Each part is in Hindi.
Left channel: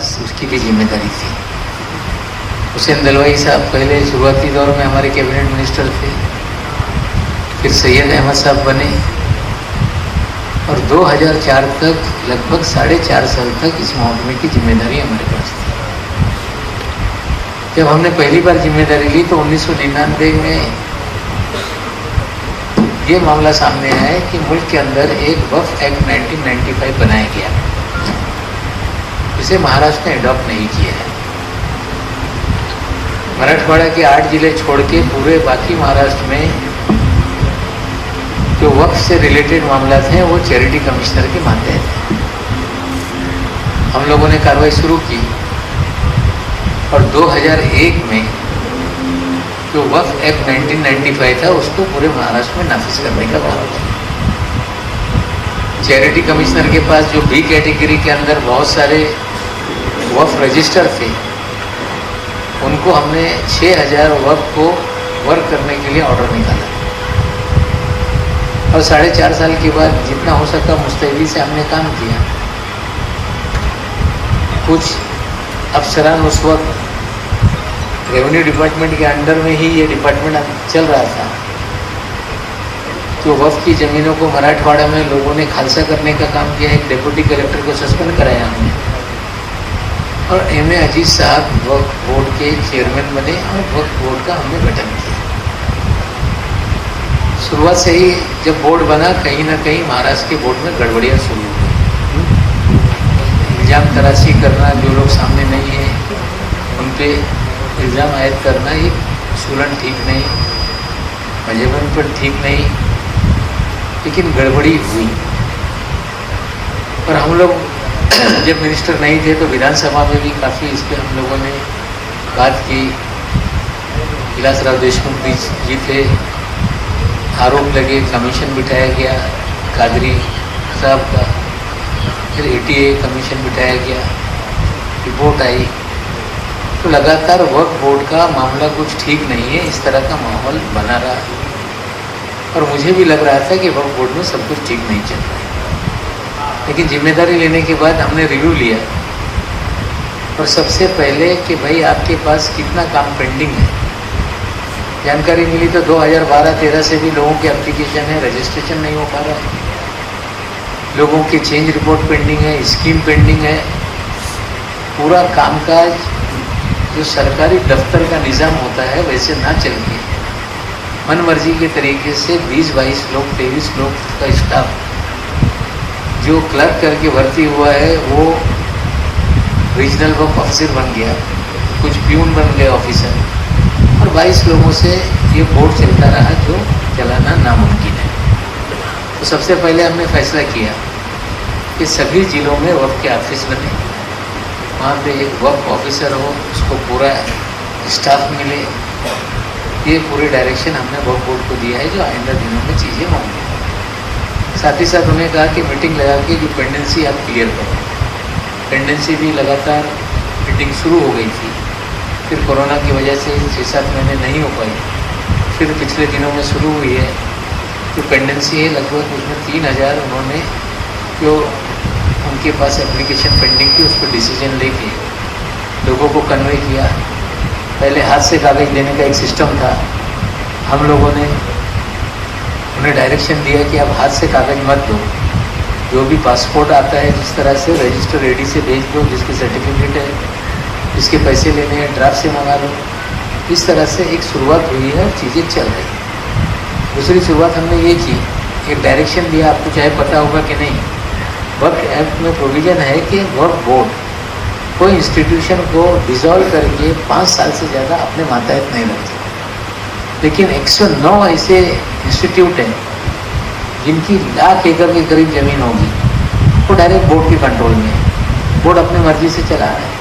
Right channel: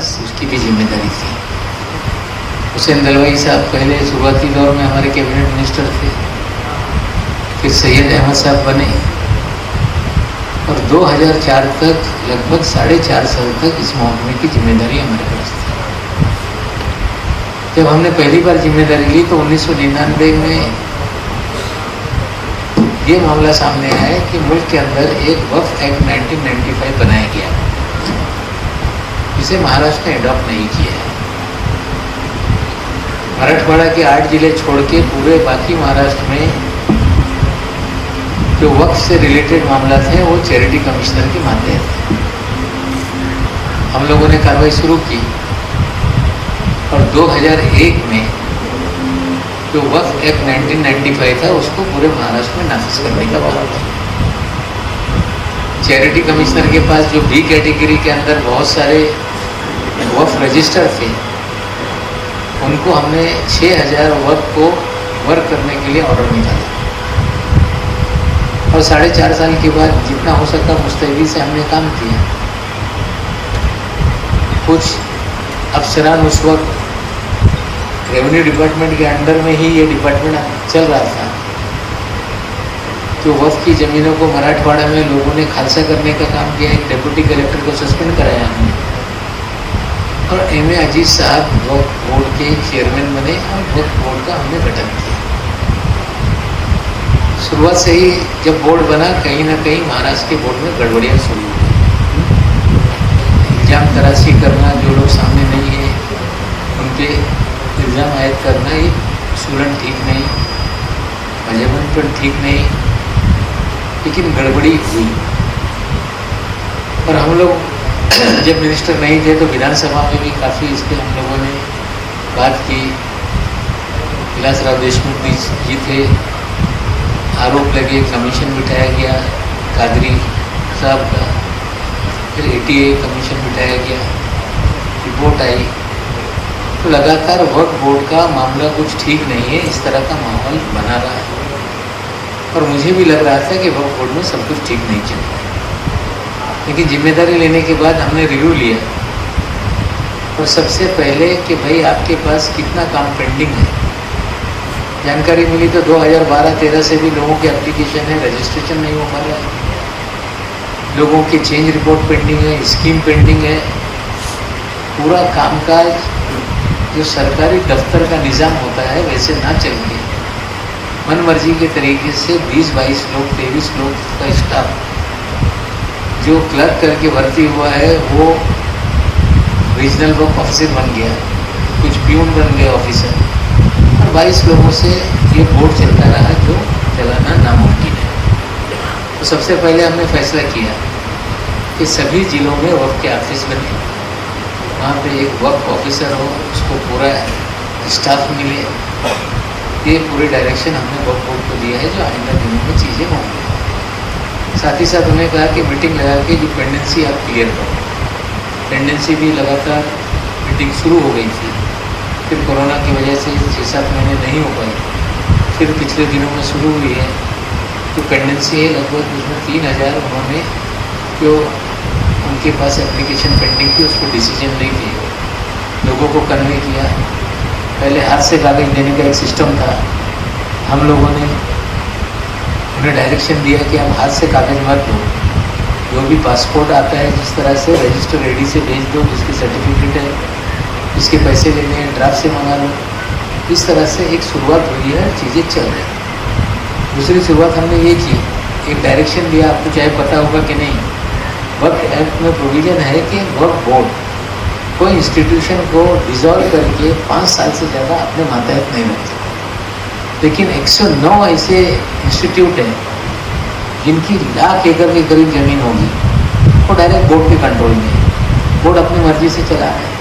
पास उसकी भी जिम्मेदारी थी। हुसैन दलवाई साहब पहले शुरुआती दौर में हमारे कैबिनेट मिनिस्टर थे, फिर सैयद अहमद साहब बने और 2004 तक लगभग 4.5 साल तक इस महकमे की जिम्मेदारी हमारे पास थी। जब हमने पहली बार जिम्मेदारी ली तो 1999 में ये मामला सामने आया कि मुल्क के अंदर एक वक्फ एक्ट 1995 बनाया गया, जिसे महाराष्ट्र ने अडॉप्ट नहीं किया है। मराठवाड़ा के 8 जिले छोड़ के पूरे बाकी महाराष्ट्र में जो वक्फ से रिलेटेड मामला थे वो चैरिटी कमिश्नर के मातहत थे। हम लोगों ने कार्रवाई शुरू की और 2001 में जो वक्फ एक्ट 1995 था उसको पूरे महाराष्ट्र में नाफिज करने का काम किया। चैरिटी कमिश्नर के पास जो बी कैटेगरी के अंदर बहुत सारे वक्फ रजिस्टर थे, उनको हमने 6000 वक्फ को वर्क करने के लिए ऑर्डर निकाला और 4.5 साल के बाद जितना हो सका मुस्तैदी से हमने काम किया। कुछ अफसरान उस वक्त रेवेन्यू डिपार्टमेंट के अंडर में ही ये डिपार्टमेंट चल रहा था। जो वक्फ की ज़मीनों को मराठवाड़ा में लोगों ने खालसा करने का काम किया, एक डिप्टी कलेक्टर को सस्पेंड कराया हमने और एम.ए. अजीज साहब वक्फ बोर्ड के चेयरमैन बने और वक्फ बोर्ड का हमने गठन किया। शुरुआत से ही जब बोर्ड बना कहीं ना कहीं महाराष्ट्र के बोर्ड में गड़बड़ियाँ शुरू हुई। इल्ज़ाम तराशी करना, जो लोग सामने नहीं है उन पे इल्ज़ाम आयद करना, ये उसूलन ठीक नहीं, मजबून पर ठीक नहीं, लेकिन गड़बड़ी हुई। और हम लोग जब मिनिस्टर नहीं थे तो विधानसभा में भी काफ़ी इस पर हम लोगों ने बात की। विलासराव देशमुख जी थे, आरोप लगे, कमीशन बिठाया गया कादरी साहब का, फिर ATA कमीशन बिठाया गया, रिपोर्ट आई। तो लगातार वक्फ बोर्ड का मामला कुछ ठीक नहीं है, इस तरह का माहौल बना रहा है और मुझे भी लग रहा था कि वक्फ बोर्ड में सब कुछ ठीक नहीं चल रहा है। लेकिन जिम्मेदारी लेने के बाद हमने रिव्यू लिया और सबसे पहले कि भाई आपके पास कितना काम पेंडिंग है। जानकारी मिली तो 2012-13 से भी लोगों के एप्लीकेशन है, रजिस्ट्रेशन नहीं हो पा रहा है, लोगों की चेंज रिपोर्ट पेंडिंग है, स्कीम पेंडिंग है। पूरा कामकाज जो सरकारी दफ्तर का निज़ाम होता है वैसे ना चल के मन मर्जी के तरीके से 20-22 लोग 23 लोग का स्टाफ जो क्लर्क करके भर्ती हुआ है वो रीजनल वक्फ ऑफिसर बन गया, कुछ प्यून बन गए ऑफिसर, और 22 लोगों से ये बोर्ड चलता रहा जो चलाना नामुमकिन है। तो सबसे पहले हमने फैसला किया कि सभी ज़िलों में वक्फ के ऑफिस बने, वहाँ पे एक वक्फ ऑफिसर हो, उसको पूरा स्टाफ मिले। ये पूरी डायरेक्शन हमने वक्फ बोर्ड को दिया है जो आइंदा दिनों में चीज़ें होंगी। साथ ही साथ उन्होंने कहा कि मीटिंग लगा के जो पेंडेंसी आप क्लियर करो। पेंडेंसी भी लगातार मीटिंग शुरू हो गई थी, फिर कोरोना की वजह से 6-7 महीने नहीं हो पाई, फिर पिछले दिनों में शुरू हुई है। तो पेंडेंसी है लगभग उसमें 3000 उन्होंने जो उनके पास एप्लीकेशन पेंडिंग थी उसको डिसीजन लेके लोगों को कन्वे किया। पहले हाथ से कागज देने का एक सिस्टम था, हम लोगों ने उन्हें डायरेक्शन दिया कि आप हाथ से कागज मत दो, जो भी पासपोर्ट आता है जिस तरह से रजिस्टर रेडी से भेज दो, जिसकी सर्टिफिकेट है, जिसके पैसे लेने हैं ड्राफ्ट से मंगा लो। इस तरह से एक शुरुआत हुई है, चीज़ें चल रही। दूसरी शुरुआत हमने ये की, एक डायरेक्शन दिया, आपको चाहे पता होगा कि नहीं, वक्फ एक्ट में प्रोविज़न है कि वक्फ बोर्ड कोई इंस्टीट्यूशन को डिसॉल्व करके 5 साल से ज़्यादा अपने मातहत नहीं रखते। लेकिन 109 ऐसे इंस्टीट्यूट हैं जिनकी लाख एकड़ के करीब ज़मीन होगी, वो डायरेक्ट बोर्ड के कंट्रोल में है, बोर्ड अपनी मर्जी से चला रहा है।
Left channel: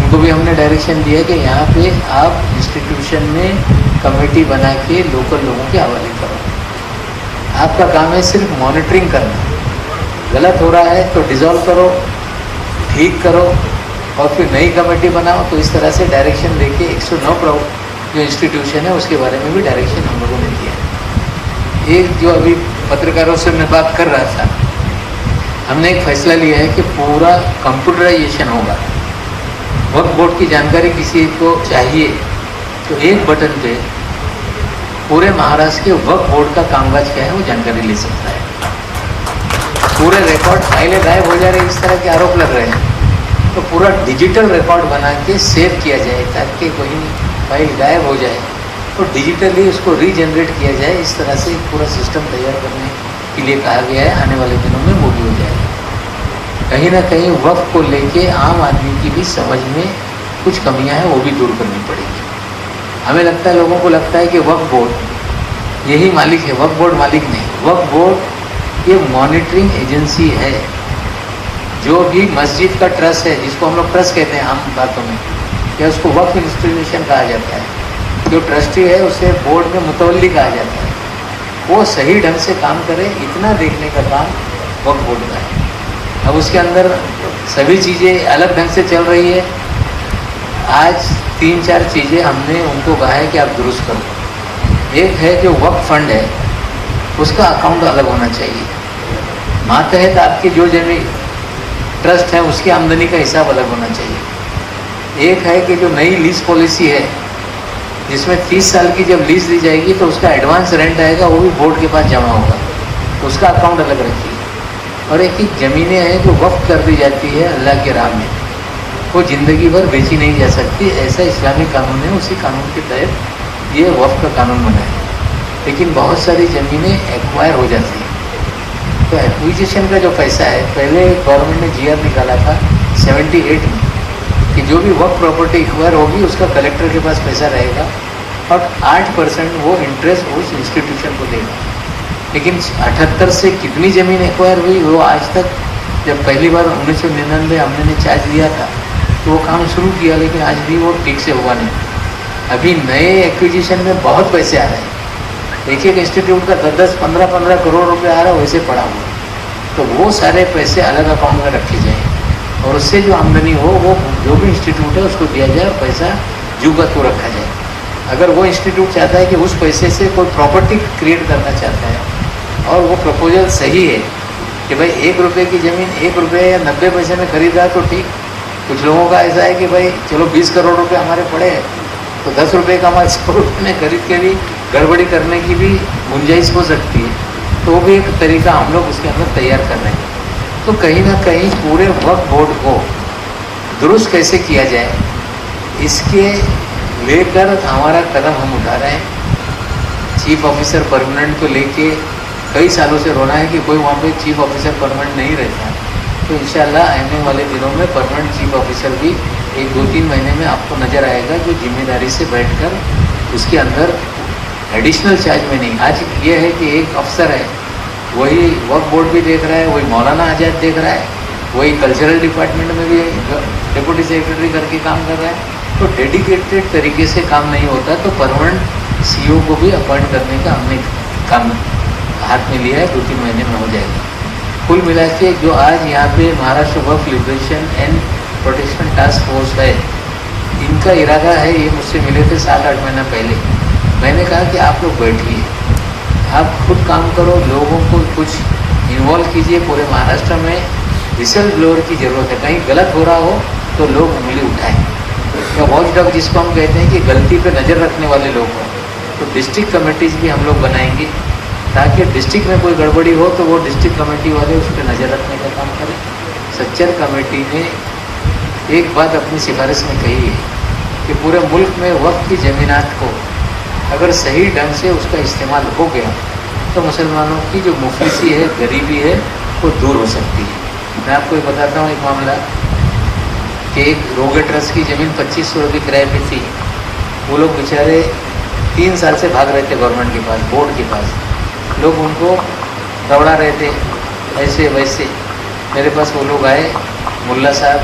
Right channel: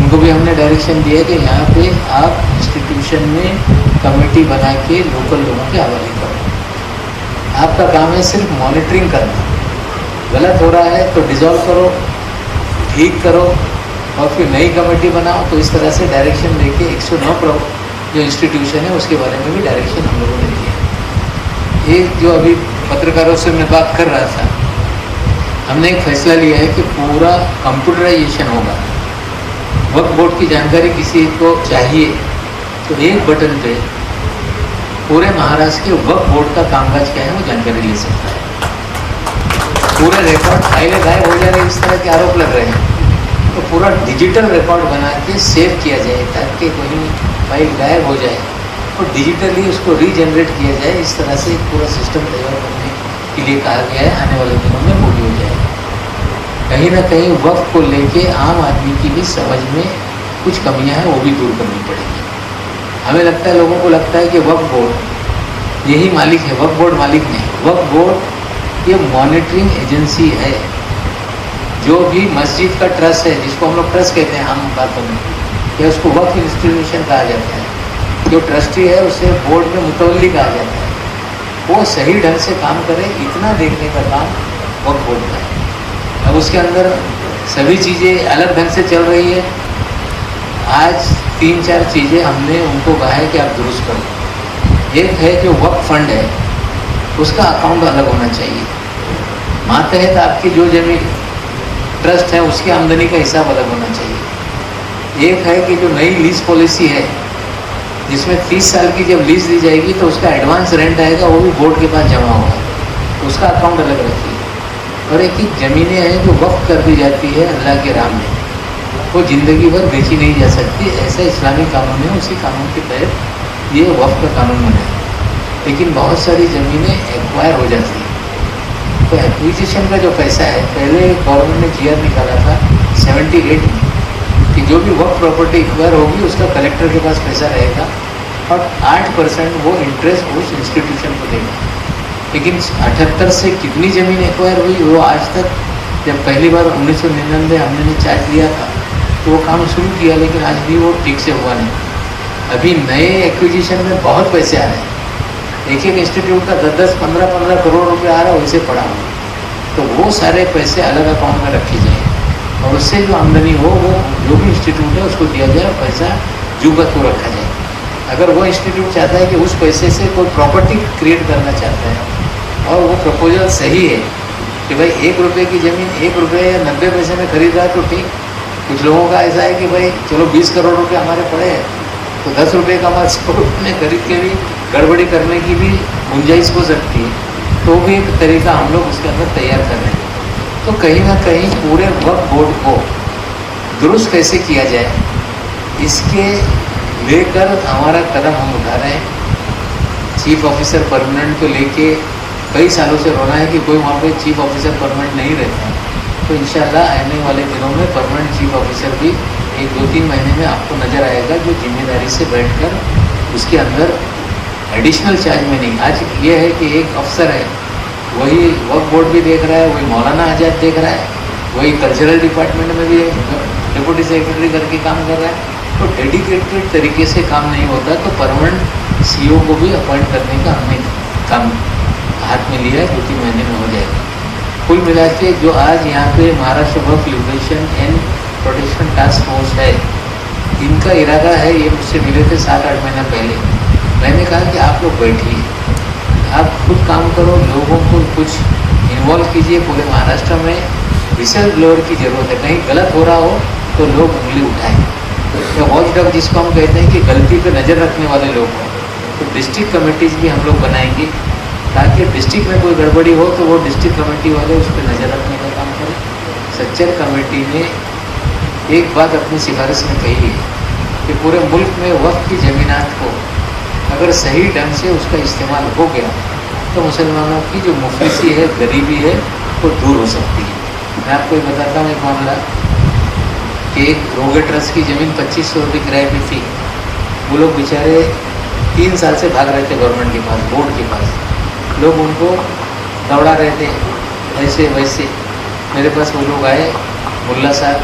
उनको भी हमने डायरेक्शन दिया कि यहाँ पे आप इंस्टीट्यूशन में कमेटी बना के लोकल लोगों के हवाले करो। आपका काम है सिर्फ मॉनिटरिंग करना, गलत हो रहा है तो डिसॉल्व करो, ठीक करो और फिर नई कमेटी बनाओ। तो इस तरह से डायरेक्शन देके 109 जो इंस्टीट्यूशन है उसके बारे में भी डायरेक्शन हम लोगों ने दिया। एक जो अभी पत्रकारों से मैं बात कर रहा था, हमने एक फैसला लिया है कि पूरा कंप्यूटराइजेशन होगा वक्फ बोर्ड की जानकारी किसी को चाहिए तो एक बटन पे पूरे महाराष्ट्र के वक्फ बोर्ड का कामकाज क्या है वो जानकारी ले सकता है। पूरे रिकॉर्ड फाइलें गायब हो जा रही, इस तरह के आरोप लग रहे हैं, तो पूरा डिजिटल रिकॉर्ड बना के सेव किया जाए ताकि कोई फाइल गायब हो जाए तो डिजिटली उसको रीजनरेट किया जाए। इस तरह से एक पूरा सिस्टम तैयार करने के लिए कहा गया है। आने वाले दिनों में वो भी हो जाएगा। कहीं ना कहीं वक्फ को लेके आम आदमी की भी समझ में कुछ कमियां हैं, वो भी दूर करनी पड़ेगी। हमें लगता है, लोगों को लगता है कि वक्फ बोर्ड यही मालिक है, वक्फ बोर्ड मालिक नहीं। वक्फ बोर्ड ये मॉनिटरिंग एजेंसी है। जो भी मस्जिद का ट्रस्ट है, जिसको हम लोग ट्रस्ट कहते हैं आम बातों में, या उसको वक्फ इंस्टीट्यूशन कहा जाता है, जो ट्रस्टी है उसे बोर्ड में मुतवल्ली कहा जाता है, वो सही ढंग से काम करे, इतना देखने का काम वक्फ बोर्ड का है। अब उसके अंदर सभी चीज़ें अलग ढंग से चल रही है। आज 3-4 चीज़ें हमने उनको कहा है कि आप दुरुस्त करो। एक है जो वक्फ फंड है उसका अकाउंट अलग होना चाहिए। मातहत आपकी जो जमीन ट्रस्ट है उसकी आमदनी का हिसाब अलग होना चाहिए। एक है कि जो नई लीज पॉलिसी है जिसमें 30 साल की जब लीज दी जाएगी तो उसका एडवांस रेंट आएगा, वो भी बोर्ड के पास जमा होगा, उसका अकाउंट अलग रखिए। और एक ज़मीनें हैं जो वक्फ कर दी जाती है अल्लाह के राह में, वो ज़िंदगी भर बेची नहीं जा सकती, ऐसा इस्लामी कानून है। उसी कानून के तहत ये वक्फ का कानून बना है। लेकिन बहुत सारी ज़मीनें एक्वायर हो जाती हैं, तो एक्विजिशन का जो पैसा है, पहले गवर्नमेंट ने जीआर निकाला था 78 में कि जो भी वक्फ प्रॉपर्टी एक्वायर होगी उसका कलेक्टर के पास पैसा रहेगा और 8% वो इंटरेस्ट उस इंस्टीट्यूशन को देगा। लेकिन 78 से कितनी ज़मीन एक्वायर हुई वो आज तक, जब पहली बार 1999 हमने चार्ज दिया था तो वो काम शुरू किया, लेकिन आज भी वो ठीक से हुआ नहीं। अभी नए एक्विजिशन में बहुत पैसे आ रहे हैं, एक इंस्टीट्यूट का 10-10, 15-15 करोड़ रुपए आ रहा है वैसे पड़ा हुआ, तो वो सारे पैसे अलग अकाउंट में रखे जाएँ और उससे जो आमदनी हो वो जो भी इंस्टीट्यूट है उसको दिया जाए और पैसा जुगत को रखा जाए। अगर वो इंस्टीट्यूट चाहता है कि उस पैसे से कोई प्रॉपर्टी क्रिएट करना चाहता है और वो प्रपोजल सही है कि भाई 1 रुपये की ज़मीन 1 रुपये या 90 पैसे में खरीदा तो ठीक। कुछ लोगों का ऐसा है कि भाई चलो 20 करोड़ रुपए हमारे पड़े हैं तो 10 रुपये का हमारे 100 रुपये में खरीद के भी गड़बड़ी करने की भी गुंजाइश हो सकती है, तो भी एक तरीका हम लोग उसके अंदर तैयार कर रहे हैं। तो कहीं ना कहीं पूरे वक्फ बोर्ड को दुरुस्त कैसे किया जाए, इसके लेकर हमारा कदम हम उठा रहे हैं। चीफ ऑफिसर परमानेंट को लेके कई सालों से रोना है कि कोई वहाँ पे चीफ ऑफिसर परमानेंट नहीं रहता, तो इंशाल्लाह आने वाले दिनों में परमानेंट चीफ ऑफिसर भी 1-2-3 महीने में आपको नज़र आएगा, जो जिम्मेदारी से बैठकर उसके अंदर एडिशनल चार्ज में नहीं। आज ये है कि एक अफसर है, वही वक्फ बोर्ड भी देख रहा है, वही मौलाना आज़ाद देख रहा है, वही कल्चरल डिपार्टमेंट में भी डिप्टी सेक्रेटरी करके काम कर रहा है, तो डेडिकेटेड तरीके से काम नहीं होता। तो परमानेंट सीईओ को भी अपॉइंट करने का हमने काम हाथ में लिया है, 2-3 महीने में हो जाएगा। कुल मिला के जो आज यहाँ पे Maharashtra Waqf liberation and protection task force है, इनका इरादा है, ये मुझसे मिले थे 7-8 महीना पहले, मैंने कहा कि आप लोग बैठिए, आप खुद काम करो, लोगों को कुछ इन्वॉल्व कीजिए। पूरे महाराष्ट्र में विसल ब्लोअर की ज़रूरत है, कहीं गलत हो रहा हो तो लोग उंगली उठाएं। तो वॉच डॉग जिसको हम कहते हैं कि गलती पे नज़र रखने वाले लोग हों, तो डिस्ट्रिक्ट कमेटीज़ भी हम लोग बनाएंगे ताकि डिस्ट्रिक्ट में कोई गड़बड़ी हो तो वो डिस्ट्रिक्ट कमेटी वाले उस पर नज़र रखने का काम करें। सच्चर कमेटी ने एक बात अपनी सिफारिश में कही है कि पूरे मुल्क में वक्फ की ज़मीनात को अगर सही ढंग से उसका इस्तेमाल हो गया तो मुसलमानों की जो मुफलिसी है, गरीबी है, वो दूर हो सकती है। मैं आपको ये बताता हूँ एक मामला कि एक रोगे ट्रस्ट की ज़मीन 2500 रुपये किराए पे थी। वो लोग बेचारे 3 साल से भाग रहे थे गवर्नमेंट के पास, बोर्ड के पास। लोग उनको दौड़ा रहे थे ऐसे वैसे। मेरे पास वो लोग आए, मुल्ला साहब,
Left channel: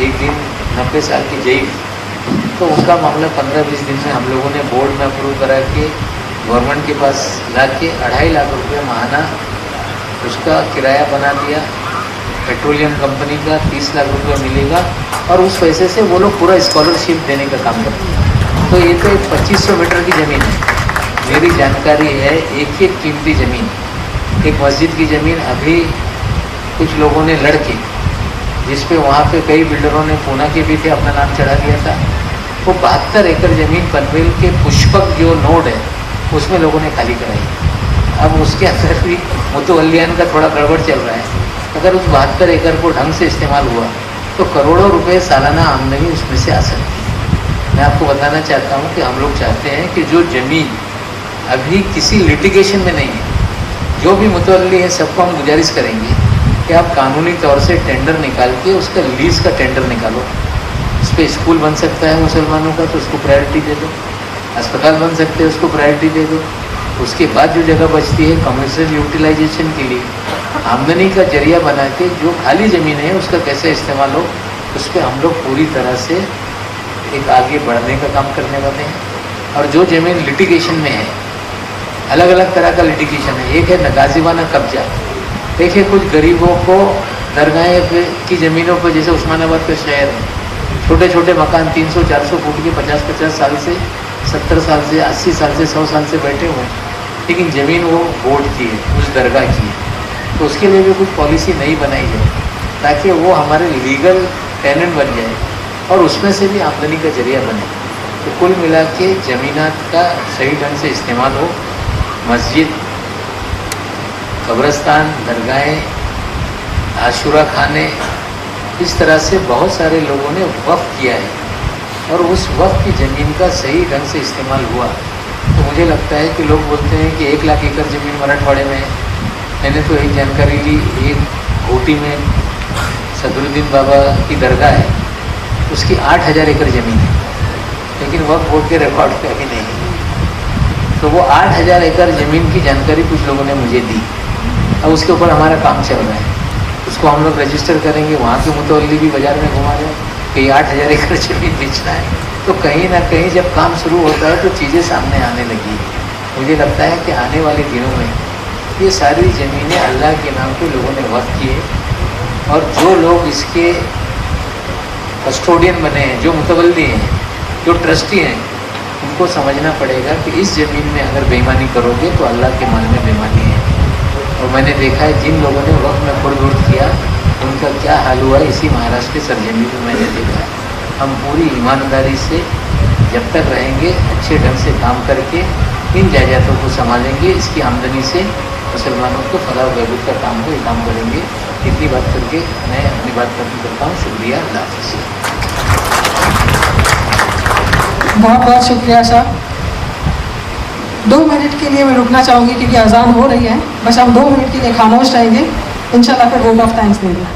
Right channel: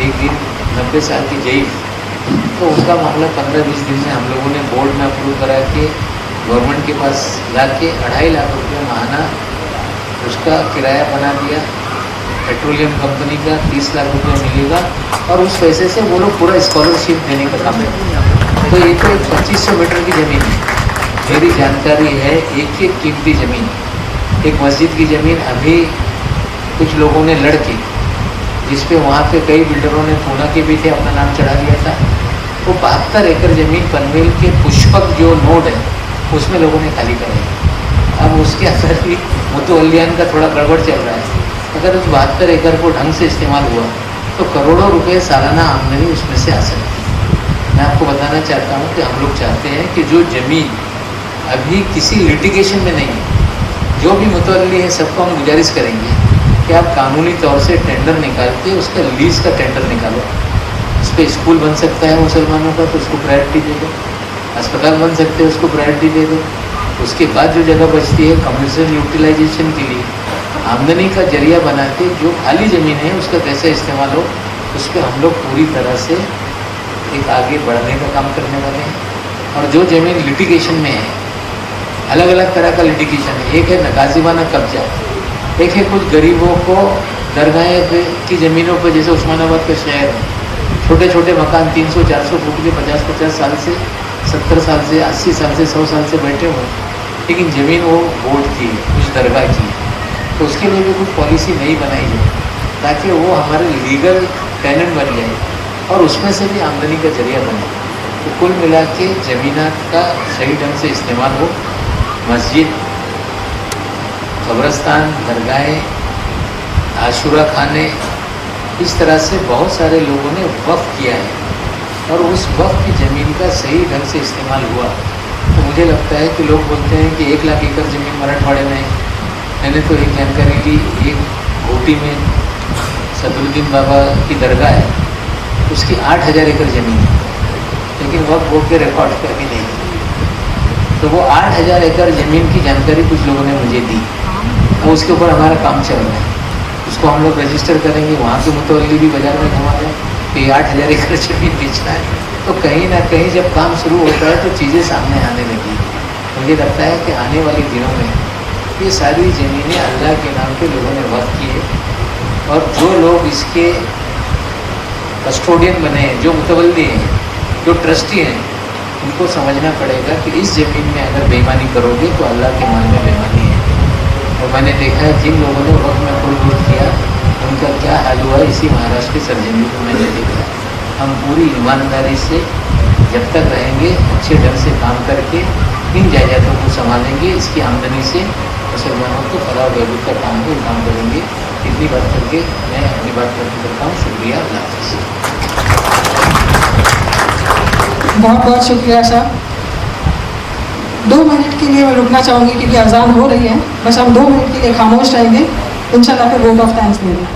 एक दिन 90 साल की जईफ, तो उनका मामला 15-20 दिन में हम लोगों ने बोर्ड में अप्रूव करा के गवर्नमेंट के पास ला के 2.5 लाख रुपये माहाना उसका किराया बना दिया। पेट्रोलियम कंपनी का 30 लाख रुपये मिलेगा और उस पैसे से वो लोग पूरा स्कॉलरशिप देने का काम है। तो ये तो 2500 मीटर की ज़मीन है, मेरी जानकारी है, एक कीमती ज़मीन, एक मस्जिद की ज़मीन अभी कुछ लोगों ने लड़के जिसपे वहाँ पे कई बिल्डरों ने पूना के भी थे अपना नाम चढ़ा दिया था। वो 72 एकड़ ज़मीन पनवेल के पुष्पक जो नोड है उसमें लोगों ने खाली कराई। अब उसके अंदर भी मुतवल्लियान का थोड़ा गड़बड़ चल रहा है। अगर उस 72 एकड़ को ढंग से इस्तेमाल हुआ तो करोड़ों रुपए सालाना आमदनी उसमें से आ सकती है। मैं आपको बताना चाहता हूँ कि हम लोग चाहते हैं कि जो ज़मीन अभी किसी लिटिगेशन में नहीं है, जो भी मुतवल्ली है सबको हम गुजारिश करेंगे कि आप कानूनी तौर से टेंडर निकाल के उसका लीज़ का टेंडर निकालो। उस पर स्कूल बन सकता है मुसलमानों का तो उसको प्रायोरिटी दे दो, अस्पताल बन सकते हैं उसको प्रायोरिटी दे दो। उसके बाद जो जगह बचती है कमर्शियल यूटिलाइजेशन के लिए आमदनी का जरिया बना के जो खाली ज़मीन है उसका कैसे इस्तेमाल हो, उस पर हम लोग पूरी तरह से एक आगे बढ़ने का काम करने वाले हैं। और जो ज़मीन लिटिगेशन में है, अलग अलग तरह का लिटिगेशन है। एक है नकाजीवाना कब्जा, एक है कुछ गरीबों को दरगाह की ज़मीनों पर, जैसे उस्मानाबाद का शहर है, छोटे छोटे मकान 300-400 फुट के 50-50 साल से 70 साल से 80 साल से 100 साल से बैठे हुए, लेकिन ज़मीन वो बोर्ड की है, उस दरगाह की है। तो उसके लिए भी कुछ पॉलिसी नई बनाई जाए ताकि वो हमारे लीगल टेनेंट बन जाए और उसमें से भी आमदनी का जरिया बने। तो कुल मिला के ज़मीनात का सही ढंग से इस्तेमाल हो। मस्जिद, कब्रस्तान, दरगाहें, आशुरा खाने, इस तरह से बहुत सारे लोगों ने वक्फ किया है और उस वक्फ की ज़मीन का सही ढंग से इस्तेमाल हुआ। तो मुझे लगता है कि लोग बोलते हैं कि 1 लाख एकड़ ज़मीन मराठवाड़े में है। मैंने तो एक जानकारी ली, एक घोटी में सदरुद्दीन बाबा की दरगाह है, उसकी 8000 एकड़ ज़मीन है, लेकिन वक्फ बोर्ड के रिकॉर्ड पे अभी नहीं है। तो वो 8000 एकड़ ज़मीन की जानकारी कुछ लोगों ने मुझे दी और उसके ऊपर हमारा काम चल रहा है। उसको हम लोग रजिस्टर करेंगे, वहाँ के मुतवल्ली भी बाज़ार में घुमा जाए कि 8000 एकड़ ज़मीन बेचना है। तो कहीं ना कहीं जब काम शुरू होता है तो चीज़ें सामने आने लगी। मुझे लगता है कि आने वाले दिनों में ये सारी ज़मीनें अल्लाह के नाम पे लोगों ने वक्फ की है और जो लोग इसके कस्टोडियन बने हैं, जो मुतवल्ली हैं, जो ट्रस्टी हैं, उनको समझना पड़ेगा कि इस ज़मीन में अगर बेईमानी करोगे तो अल्लाह के मान में बेईमानी है। और मैंने देखा है जिन लोगों ने वक्त में खुद किया उनका क्या हाल हुआ, इसी महाराष्ट्र के सरजमी को मैंने देखा। हम पूरी ईमानदारी से जब तक रहेंगे, अच्छे ढंग से काम करके इन जायदादों को संभालेंगे, इसकी आमदनी से मुसलमानों को फलाह बहबूद का काम को काम करेंगे। इतनी बात करके मैं अपनी बात करता हूँ। शुक्रिया, अल्लाह हाफ़िज़। बहुत बहुत शुक्रिया साहब। 2 मिनट के लिए मैं रुकना चाहूँगी क्योंकि अजान हो रही है। बस हम 2 मिनट के लिए खामोश रहेंगे, इंशाल्लाह फिर वोट ऑफ थैंक्स देंगे।